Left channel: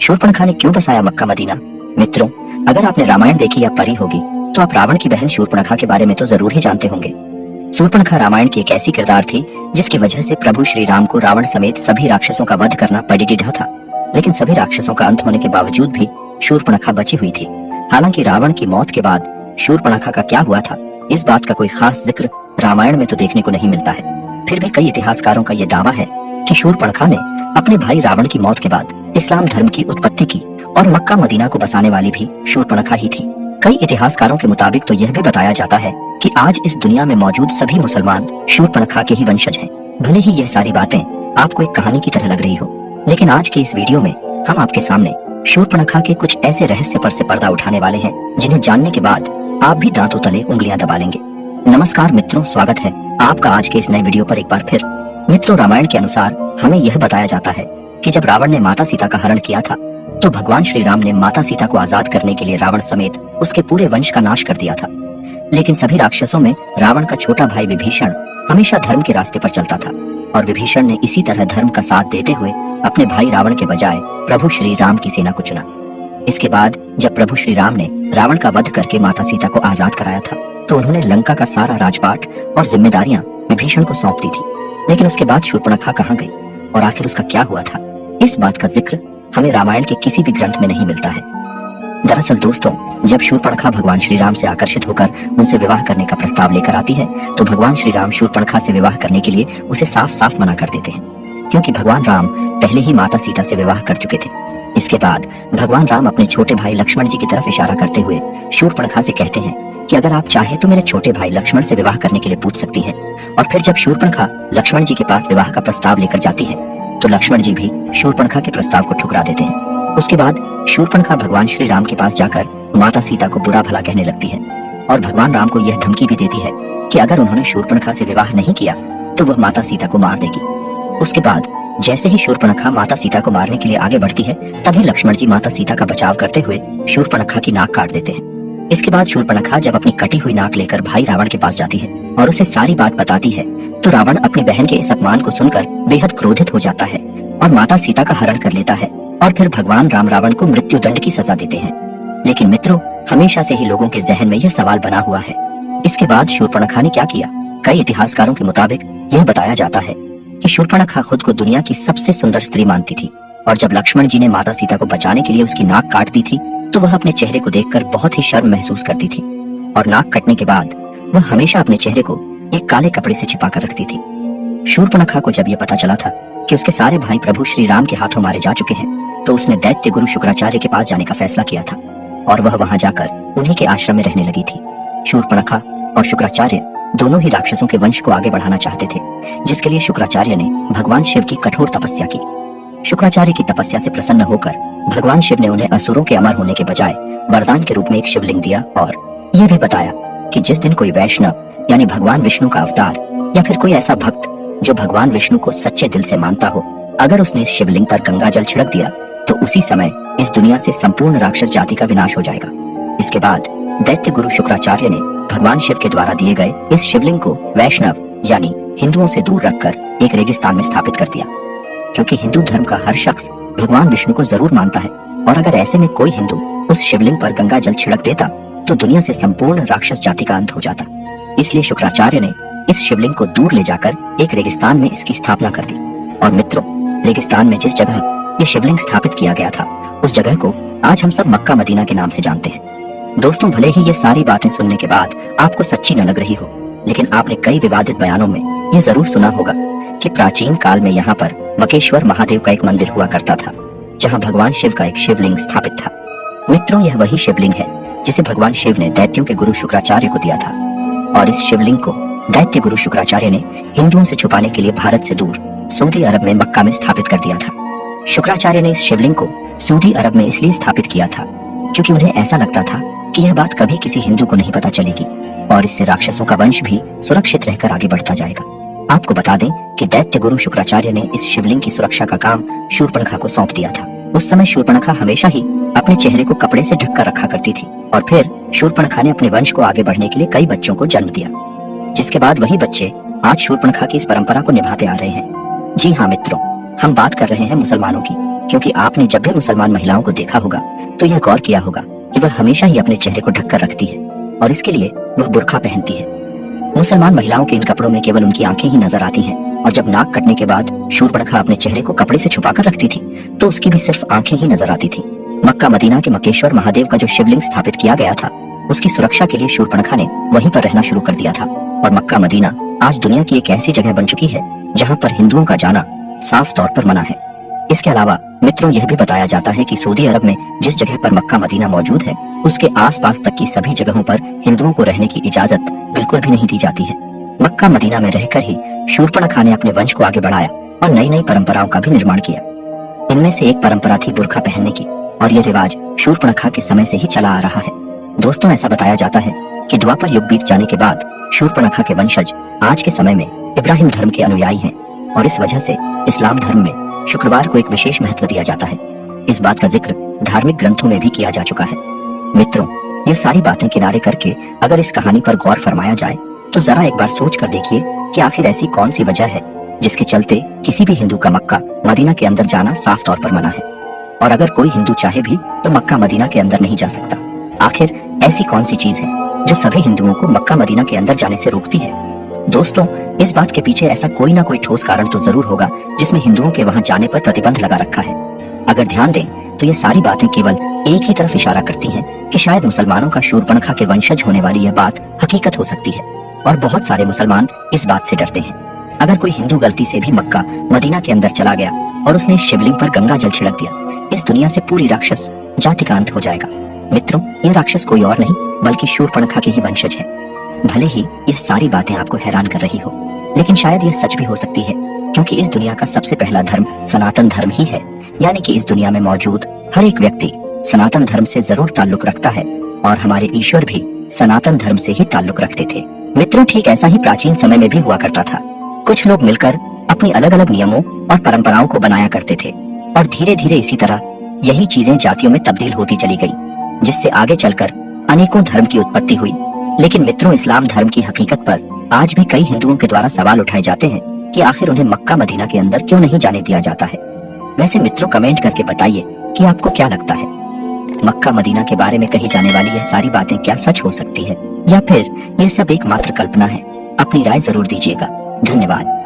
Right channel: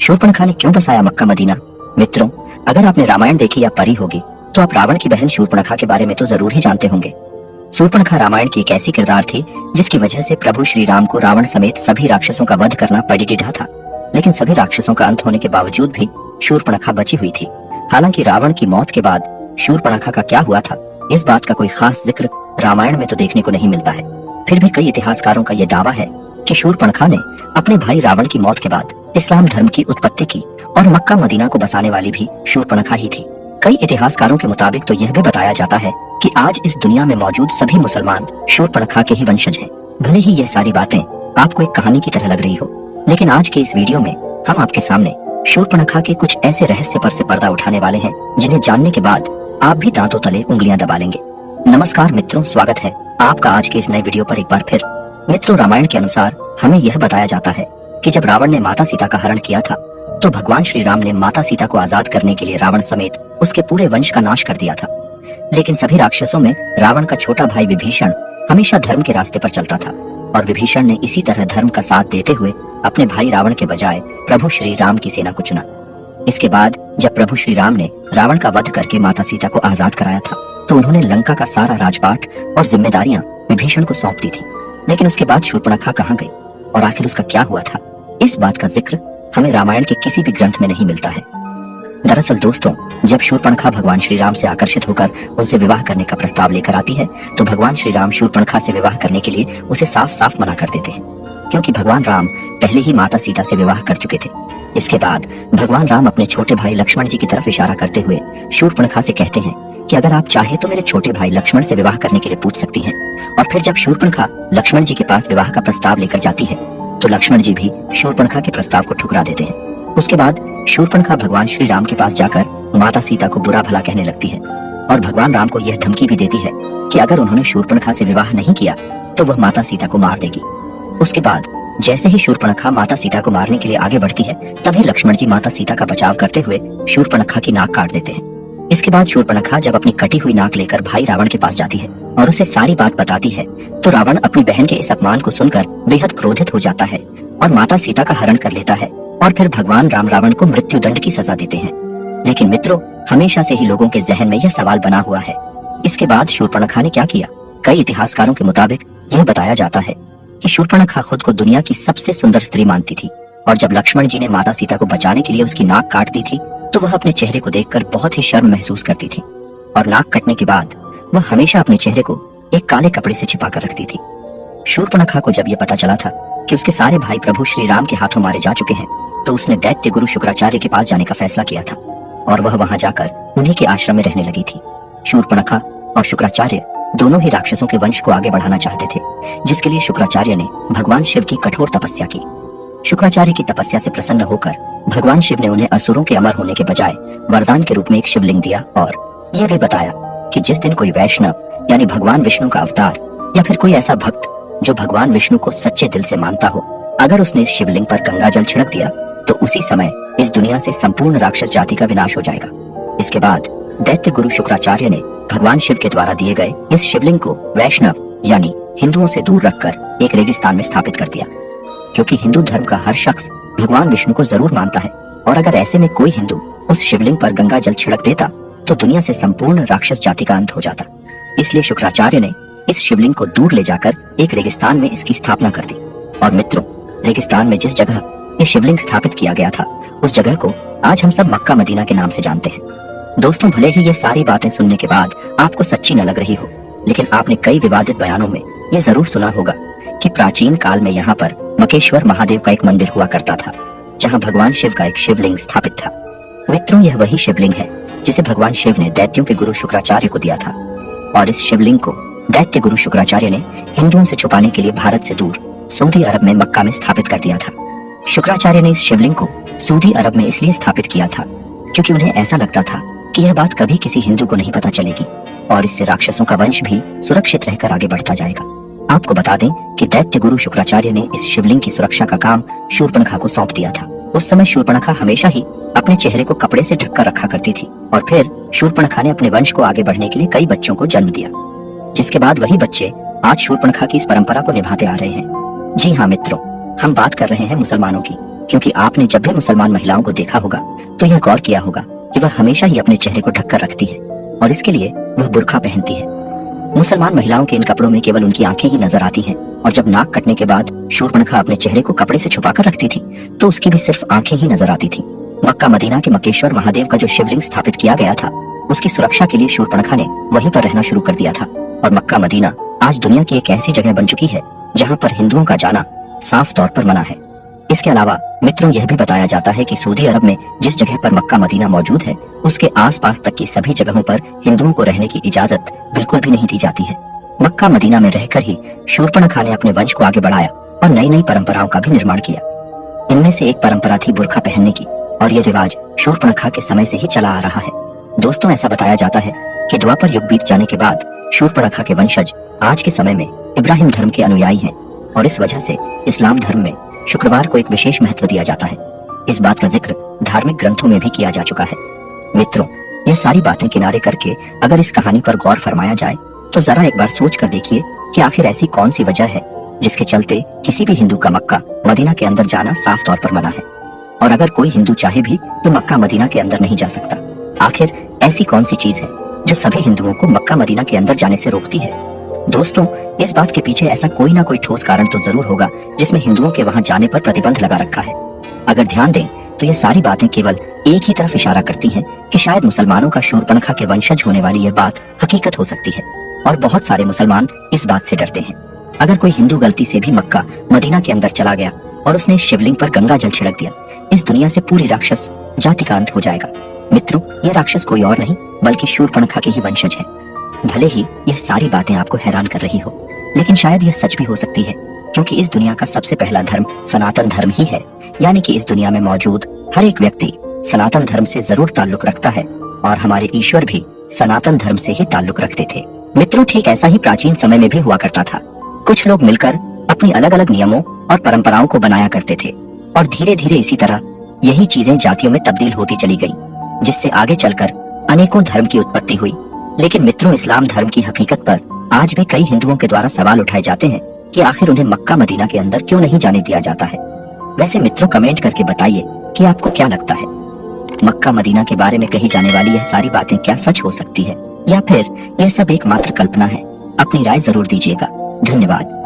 शूर्पणखा ने क्यों बसाया मक्का मदीना? मित्रों, अगर आपने रामायण देखी या पढ़ी होगी तो आप रावण की बहन शूर्पणखा के बारे में तो जरूर ही जानते होंगे। शूर्पणखा रामायण की एक ऐसी किरदार थी जिसकी वजह से प्रभु श्री राम को रावण समेत सभी राक्षसों का वध करना पड़ीडा था। लेकिन सभी राक्षसों का अंत होने के बावजूद भी शूर्पणखा बची हुई थी। हालांकि रावण की मौत के बाद शूर्पणखा का क्या हुआ था, इस बात का कोई खास जिक्र रामायण में तो देखने को नहीं मिलता है। फिर भी कई इतिहासकारों का यह दावा है कि शूर्पणखा ने अपने भाई रावण की मौत के बाद इस्लाम धर्म की उत्पत्ति की और मक्का मदीना को बसाने वाली भी शूर्पणखा ही थी। कई इतिहासकारों के मुताबिक तो यह भी बताया जाता है कि आज इस दुनिया में मौजूद सभी मुसलमान शूर्पणखा के ही वंशज हैं। भले ही यह सारी बातें आपको एक कहानी की तरह लग रही हो, लेकिन आज के इस वीडियो में हम आपके सामने शूर्पणखा के कुछ ऐसे रहस्य पर से पर्दा उठाने वाले हैं जिन्हें जानने के बाद आप भी दांतों तले उंगलियां दबा लेंगे। नमस्कार मित्रों, स्वागत है आपका आज के इस नए वीडियो पर एक बार फिर। मित्रों, रामायण के अनुसार हमें यह बताया जाता है कि जब रावण ने माता सीता का हरण किया था तो भगवान श्री राम ने माता सीता को आजाद करने के लिए रावण समेत उसके पूरे वंश का नाश कर दिया था। लेकिन सभी राक्षसों में रावण का छोटा भाई विभीषण हमेशा धर्म के रास्ते पर चलता था और विभीषण ने इसी तरह धर्म का साथ देते हुए अपने भाई रावण के बजाय प्रभु श्री राम की सेना को चुना। इसके बाद जब प्रभु श्री राम ने रावण का वध करके माता सीता को आजाद कराया था तो उन्होंने लंका का सारा राजपाट और जिम्मेदारियां विभीषण को सौंप दी थी। लेकिन उसके बाद शूर्पणखा कहाँ गई और आखिर उसका क्या हुआ था, इस बात का जिक्र हमें रामायण के किसी भी ग्रंथ में नहीं मिलता है। दरअसल दोस्तों, जब शूर्पणखा भगवान श्री राम से आकर्षित होकर उनसे विवाह करने का प्रस्ताव लेकर आती है तो भगवान श्री राम शूर्पणखा से विवाह करने के लिए उसे साफ साफ मना कर देते हैं, क्योंकि भगवान राम पहले ही माता सीता से विवाह कर चुके थे। इसके बाद भगवान राम अपने छोटे भाई लक्ष्मण जी की तरफ इशारा करते हुए शूर्पणखा से कहते हैं कि अगर आप चाहे तो मेरे छोटे भाई लक्ष्मण से विवाह करने के लिए पूछ सकती हैं। और फिर जब शूर्पणखा लक्ष्मण जी के पास विवाह का प्रस्ताव लेकर जाती है तो लक्ष्मण जी भी शूर्पणखा के प्रस्ताव को ठुकरा देते हैं। उसके बाद शूर्पणखा भगवान श्री राम के पास जाकर माता सीता को बुरा भला कहने लगती है और भगवान राम को यह धमकी भी देती है कि अगर उन्होंने शूर्पणखा से विवाह नहीं किया तो वह माता सीता को मार देगी। उसके बाद जैसे ही शूर्पणखा माता सीता को मारने के लिए आगे बढ़ती है तभी लक्ष्मण जी माता सीता का बचाव करते हुए शूर्पणखा की नाक काट देते हैं। इसके बाद शूर्पणखा जब अपनी कटी हुई नाक लेकर भाई रावण के पास जाती है और उसे सारी बात बताती है तो रावण अपनी बहन के इस अपमान को सुनकर बेहद क्रोधित हो जाता है और माता सीता का हरण कर लेता है और फिर भगवान राम रावण को मृत्यु दंड की सजा देते हैं। लेकिन मित्रों, हमेशा से ही लोगों के जहन में यह सवाल बना हुआ है, इसके बाद शूर्पणखा ने क्या किया? कई इतिहासकारों के मुताबिक यह बताया जाता है कि शूर्पणखा खुद को दुनिया की सबसे सुंदर स्त्री मानती थी और जब लक्ष्मण जी ने माता सीता को बचाने के लिए उसकी नाक काट दी थी तो वह अपने चेहरे को देखकर बहुत ही शर्म महसूस करती थी और नाक कटने के बाद वह हमेशा अपने चेहरे को एक काले कपड़े से छिपा कर रखती थी। शूर्पणखा को जब यह पता चला था कि उसके सारे भाई प्रभु श्री राम के हाथों मारे जा चुके हैं तो उसने दैत्य गुरु शुक्राचार्य के पास जाने का फैसला किया था और वह वहां जाकर उन्हीं के आश्रम में रहने लगी थी। शूर्पणखा और शुक्राचार्य दोनों ही राक्षसों के वंश को आगे बढ़ाना चाहते थे, जिसके लिए शुक्राचार्य ने भगवान शिव की कठोर तपस्या की। शुक्राचार्य की तपस्या से प्रसन्न होकर भगवान शिव ने उन्हें असुरों के अमर होने के बजाय वरदान के रूप में एक शिवलिंग दिया और यह भी बताया कि जिस दिन कोई वैष्णव यानी भगवान विष्णु का अवतार या फिर कोई ऐसा भक्त जो भगवान विष्णु को सच्चे दिल से मानता हो, अगर उसने इस शिवलिंग पर गंगा जल छिड़क दिया तो उसी समय इस दुनिया से संपूर्ण राक्षस जाति का विनाश हो जाएगा। इसके बाद दैत्य गुरु शुक्राचार्य ने भगवान शिव के द्वारा दिए गए इस शिवलिंग को वैष्णव यानी हिंदुओं से दूर रखकर एक रेगिस्तान में स्थापित कर दिया, क्योंकि हिंदू धर्म का हर शख्स भगवान विष्णु को जरूर मानता है और अगर ऐसे में कोई हिंदू उस शिवलिंग पर गंगा जल छिड़क देता तो दुनिया से संपूर्ण राक्षस जाति का अंत हो जाता। इसलिए शुक्राचार्य ने इस शिवलिंग को दूर ले जाकर एक रेगिस्तान में इसकी स्थापना कर दी। और मित्रों, रेगिस्तान में जिस जगह यह शिवलिंग स्थापित किया गया था उस जगह को आज हम सब मक्का मदीना के नाम से जानते हैं। दोस्तों, भले ही ये सारी बातें सुनने के बाद आपको सच्ची न लग रही हो, लेकिन आपने कई विवादित बयानों में ये जरूर सुना होगा कि प्राचीन काल में यहाँ पर मकेश्वर महादेव का एक मंदिर हुआ करता था जहाँ भगवान शिव का एक शिवलिंग स्थापित था। मित्रों, यह वही शिवलिंग है जिसे भगवान शिव ने दैत्यों के गुरु शुक्राचार्य को दिया था और इस शिवलिंग को दैत्य गुरु शुक्राचार्य ने हिंदुओं से छुपाने के लिए भारत से दूर सऊदी अरब में मक्का में स्थापित कर दिया था। शुक्राचार्य ने इस शिवलिंग को सऊदी अरब में इसलिए स्थापित किया था क्योंकि उन्हें ऐसा लगता था कि यह बात कभी किसी हिंदू को नहीं पता चलेगी और इससे राक्षसों का वंश भी सुरक्षित रहकर आगे बढ़ता जाएगा। आपको बता दें कि दैत्य गुरु शुक्राचार्य ने इस शिवलिंग की सुरक्षा का काम शूर्पणखा को सौंप दिया था। उस समय शूर्पणखा हमेशा ही अपने चेहरे को कपड़े से ढककर रखा करती थी और फिर शूर्पणखा ने अपने वंश को आगे बढ़ने के लिए कई बच्चों को जन्म दिया, जिसके बाद वही बच्चे आज शूर्पणखा की इस परंपरा को निभाते आ रहे हैं। जी हाँ मित्रों, हम बात कर रहे हैं मुसलमानों की क्योंकि आपने जब भी मुसलमान महिलाओं को देखा होगा तो यह गौर किया होगा कि वह हमेशा ही अपने चेहरे को ढककर रखती है और इसके लिए वह बुर्का पहनती है। मुसलमान महिलाओं के इन कपड़ों में केवल उनकी आंखें ही नजर आती हैं और जब नाक कटने के बाद शूर्पणखा अपने चेहरे को कपड़े से छुपाकर रखती थी तो उसकी भी सिर्फ आंखें ही नजर आती थी। मक्का मदीना के मक्केश्वर महादेव का जो शिवलिंग स्थापित किया गया था उसकी सुरक्षा के लिए शूर्पणखा ने वहीं पर रहना शुरू कर दिया था और मक्का मदीना आज दुनिया की एक ऐसी जगह बन चुकी है जहाँ पर हिंदुओं का जाना साफ तौर पर मना है। इसके अलावा मित्रों यह भी बताया जाता है कि सऊदी अरब में जिस जगह पर मक्का मदीना मौजूद है उसके आसपास तक की सभी जगहों पर हिंदुओं को रहने की इजाजत बिल्कुल भी नहीं दी जाती है। मक्का मदीना में रहकर ही शूर्पणखा ने अपने वंश को आगे बढ़ाया और नई नई परंपराओं का भी निर्माण किया। इनमें से एक परंपरा थी बुर्का पहनने की और यह रिवाज शूर्पणखा के समय से ही चला आ रहा है। दोस्तों, ऐसा बताया जाता है कि द्वापर युग बीत जाने के बाद शूर्पणखा के वंशज आज के समय में इब्राहिम धर्म के अनुयायी हैं और इस वजह से इस्लाम धर्म में शुक्रवार को एक विशेष महत्व दिया जाता है। इस बात का जिक्र धार्मिक ग्रंथों में भी किया जा चुका है। मित्रों, यह सारी बातें किनारे करके अगर इस कहानी पर गौर फरमाया जाए तो जरा एक बार सोच कर देखिए कि आखिर ऐसी कौन सी वजह है जिसके चलते किसी भी हिंदू का मक्का मदीना के अंदर जाना साफ तौर पर मना है और अगर कोई हिंदू चाहे भी तो मक्का मदीना के अंदर नहीं जा सकता। आखिर ऐसी कौन सी चीज है जो सभी हिंदुओं को मक्का मदीना के अंदर जाने से रोकती है? दोस्तों, इस बात के पीछे ऐसा कोई ना कोई ठोस कारण तो जरूर होगा जिसमें हिंदुओं के वहां जाने पर प्रतिबंध लगा रखा है। अगर ध्यान दें तो ये सारी बातें केवल एक ही तरफ इशारा करती हैं कि शायद मुसलमानों का शूर्पणखा के वंशज होने वाली यह बात हकीकत हो सकती है और बहुत सारे मुसलमान इस बात से डरते हैं। अगर कोई हिंदू गलती से भी मक्का मदीना के अंदर चला गया और उसने इस शिवलिंग पर गंगा जल छिड़क दिया, इस दुनिया से पूरी राक्षस जाति का अंत हो जाएगा। मित्रों, यह राक्षस कोई और नहीं बल्कि शूर्पणखा के ही वंशज है। भले ही यह सारी बातें आपको हैरान कर रही हो, लेकिन शायद यह सच भी हो सकती है क्योंकि इस दुनिया का सबसे पहला धर्म सनातन धर्म ही है। यानी कि इस दुनिया में मौजूद हर एक व्यक्ति सनातन धर्म से जरूर ताल्लुक रखता है और हमारे ईश्वर भी सनातन धर्म से ही ताल्लुक रखते थे। मित्रों, ठीक ऐसा ही प्राचीन समय में भी हुआ करता था। कुछ लोग मिलकर अपनी अलग अलग नियमों और परंपराओं को बनाया करते थे और धीरे धीरे इसी तरह यही चीजें जातियों में तब्दील होती चली गई, जिससे आगे चलकर अनेकों धर्म की उत्पत्ति हुई। लेकिन मित्रों, इस्लाम धर्म की हकीकत पर आज भी कई हिंदुओं के द्वारा सवाल उठाए जाते हैं कि आखिर उन्हें मक्का मदीना के अंदर क्यों नहीं जाने दिया जाता है। वैसे मित्रों, कमेंट करके बताइए कि आपको क्या लगता है, मक्का मदीना के बारे में कही जाने वाली यह सारी बातें क्या सच हो सकती है या फिर यह सब एकमात्र कल्पना है? अपनी राय जरूर दीजिएगा। धन्यवाद।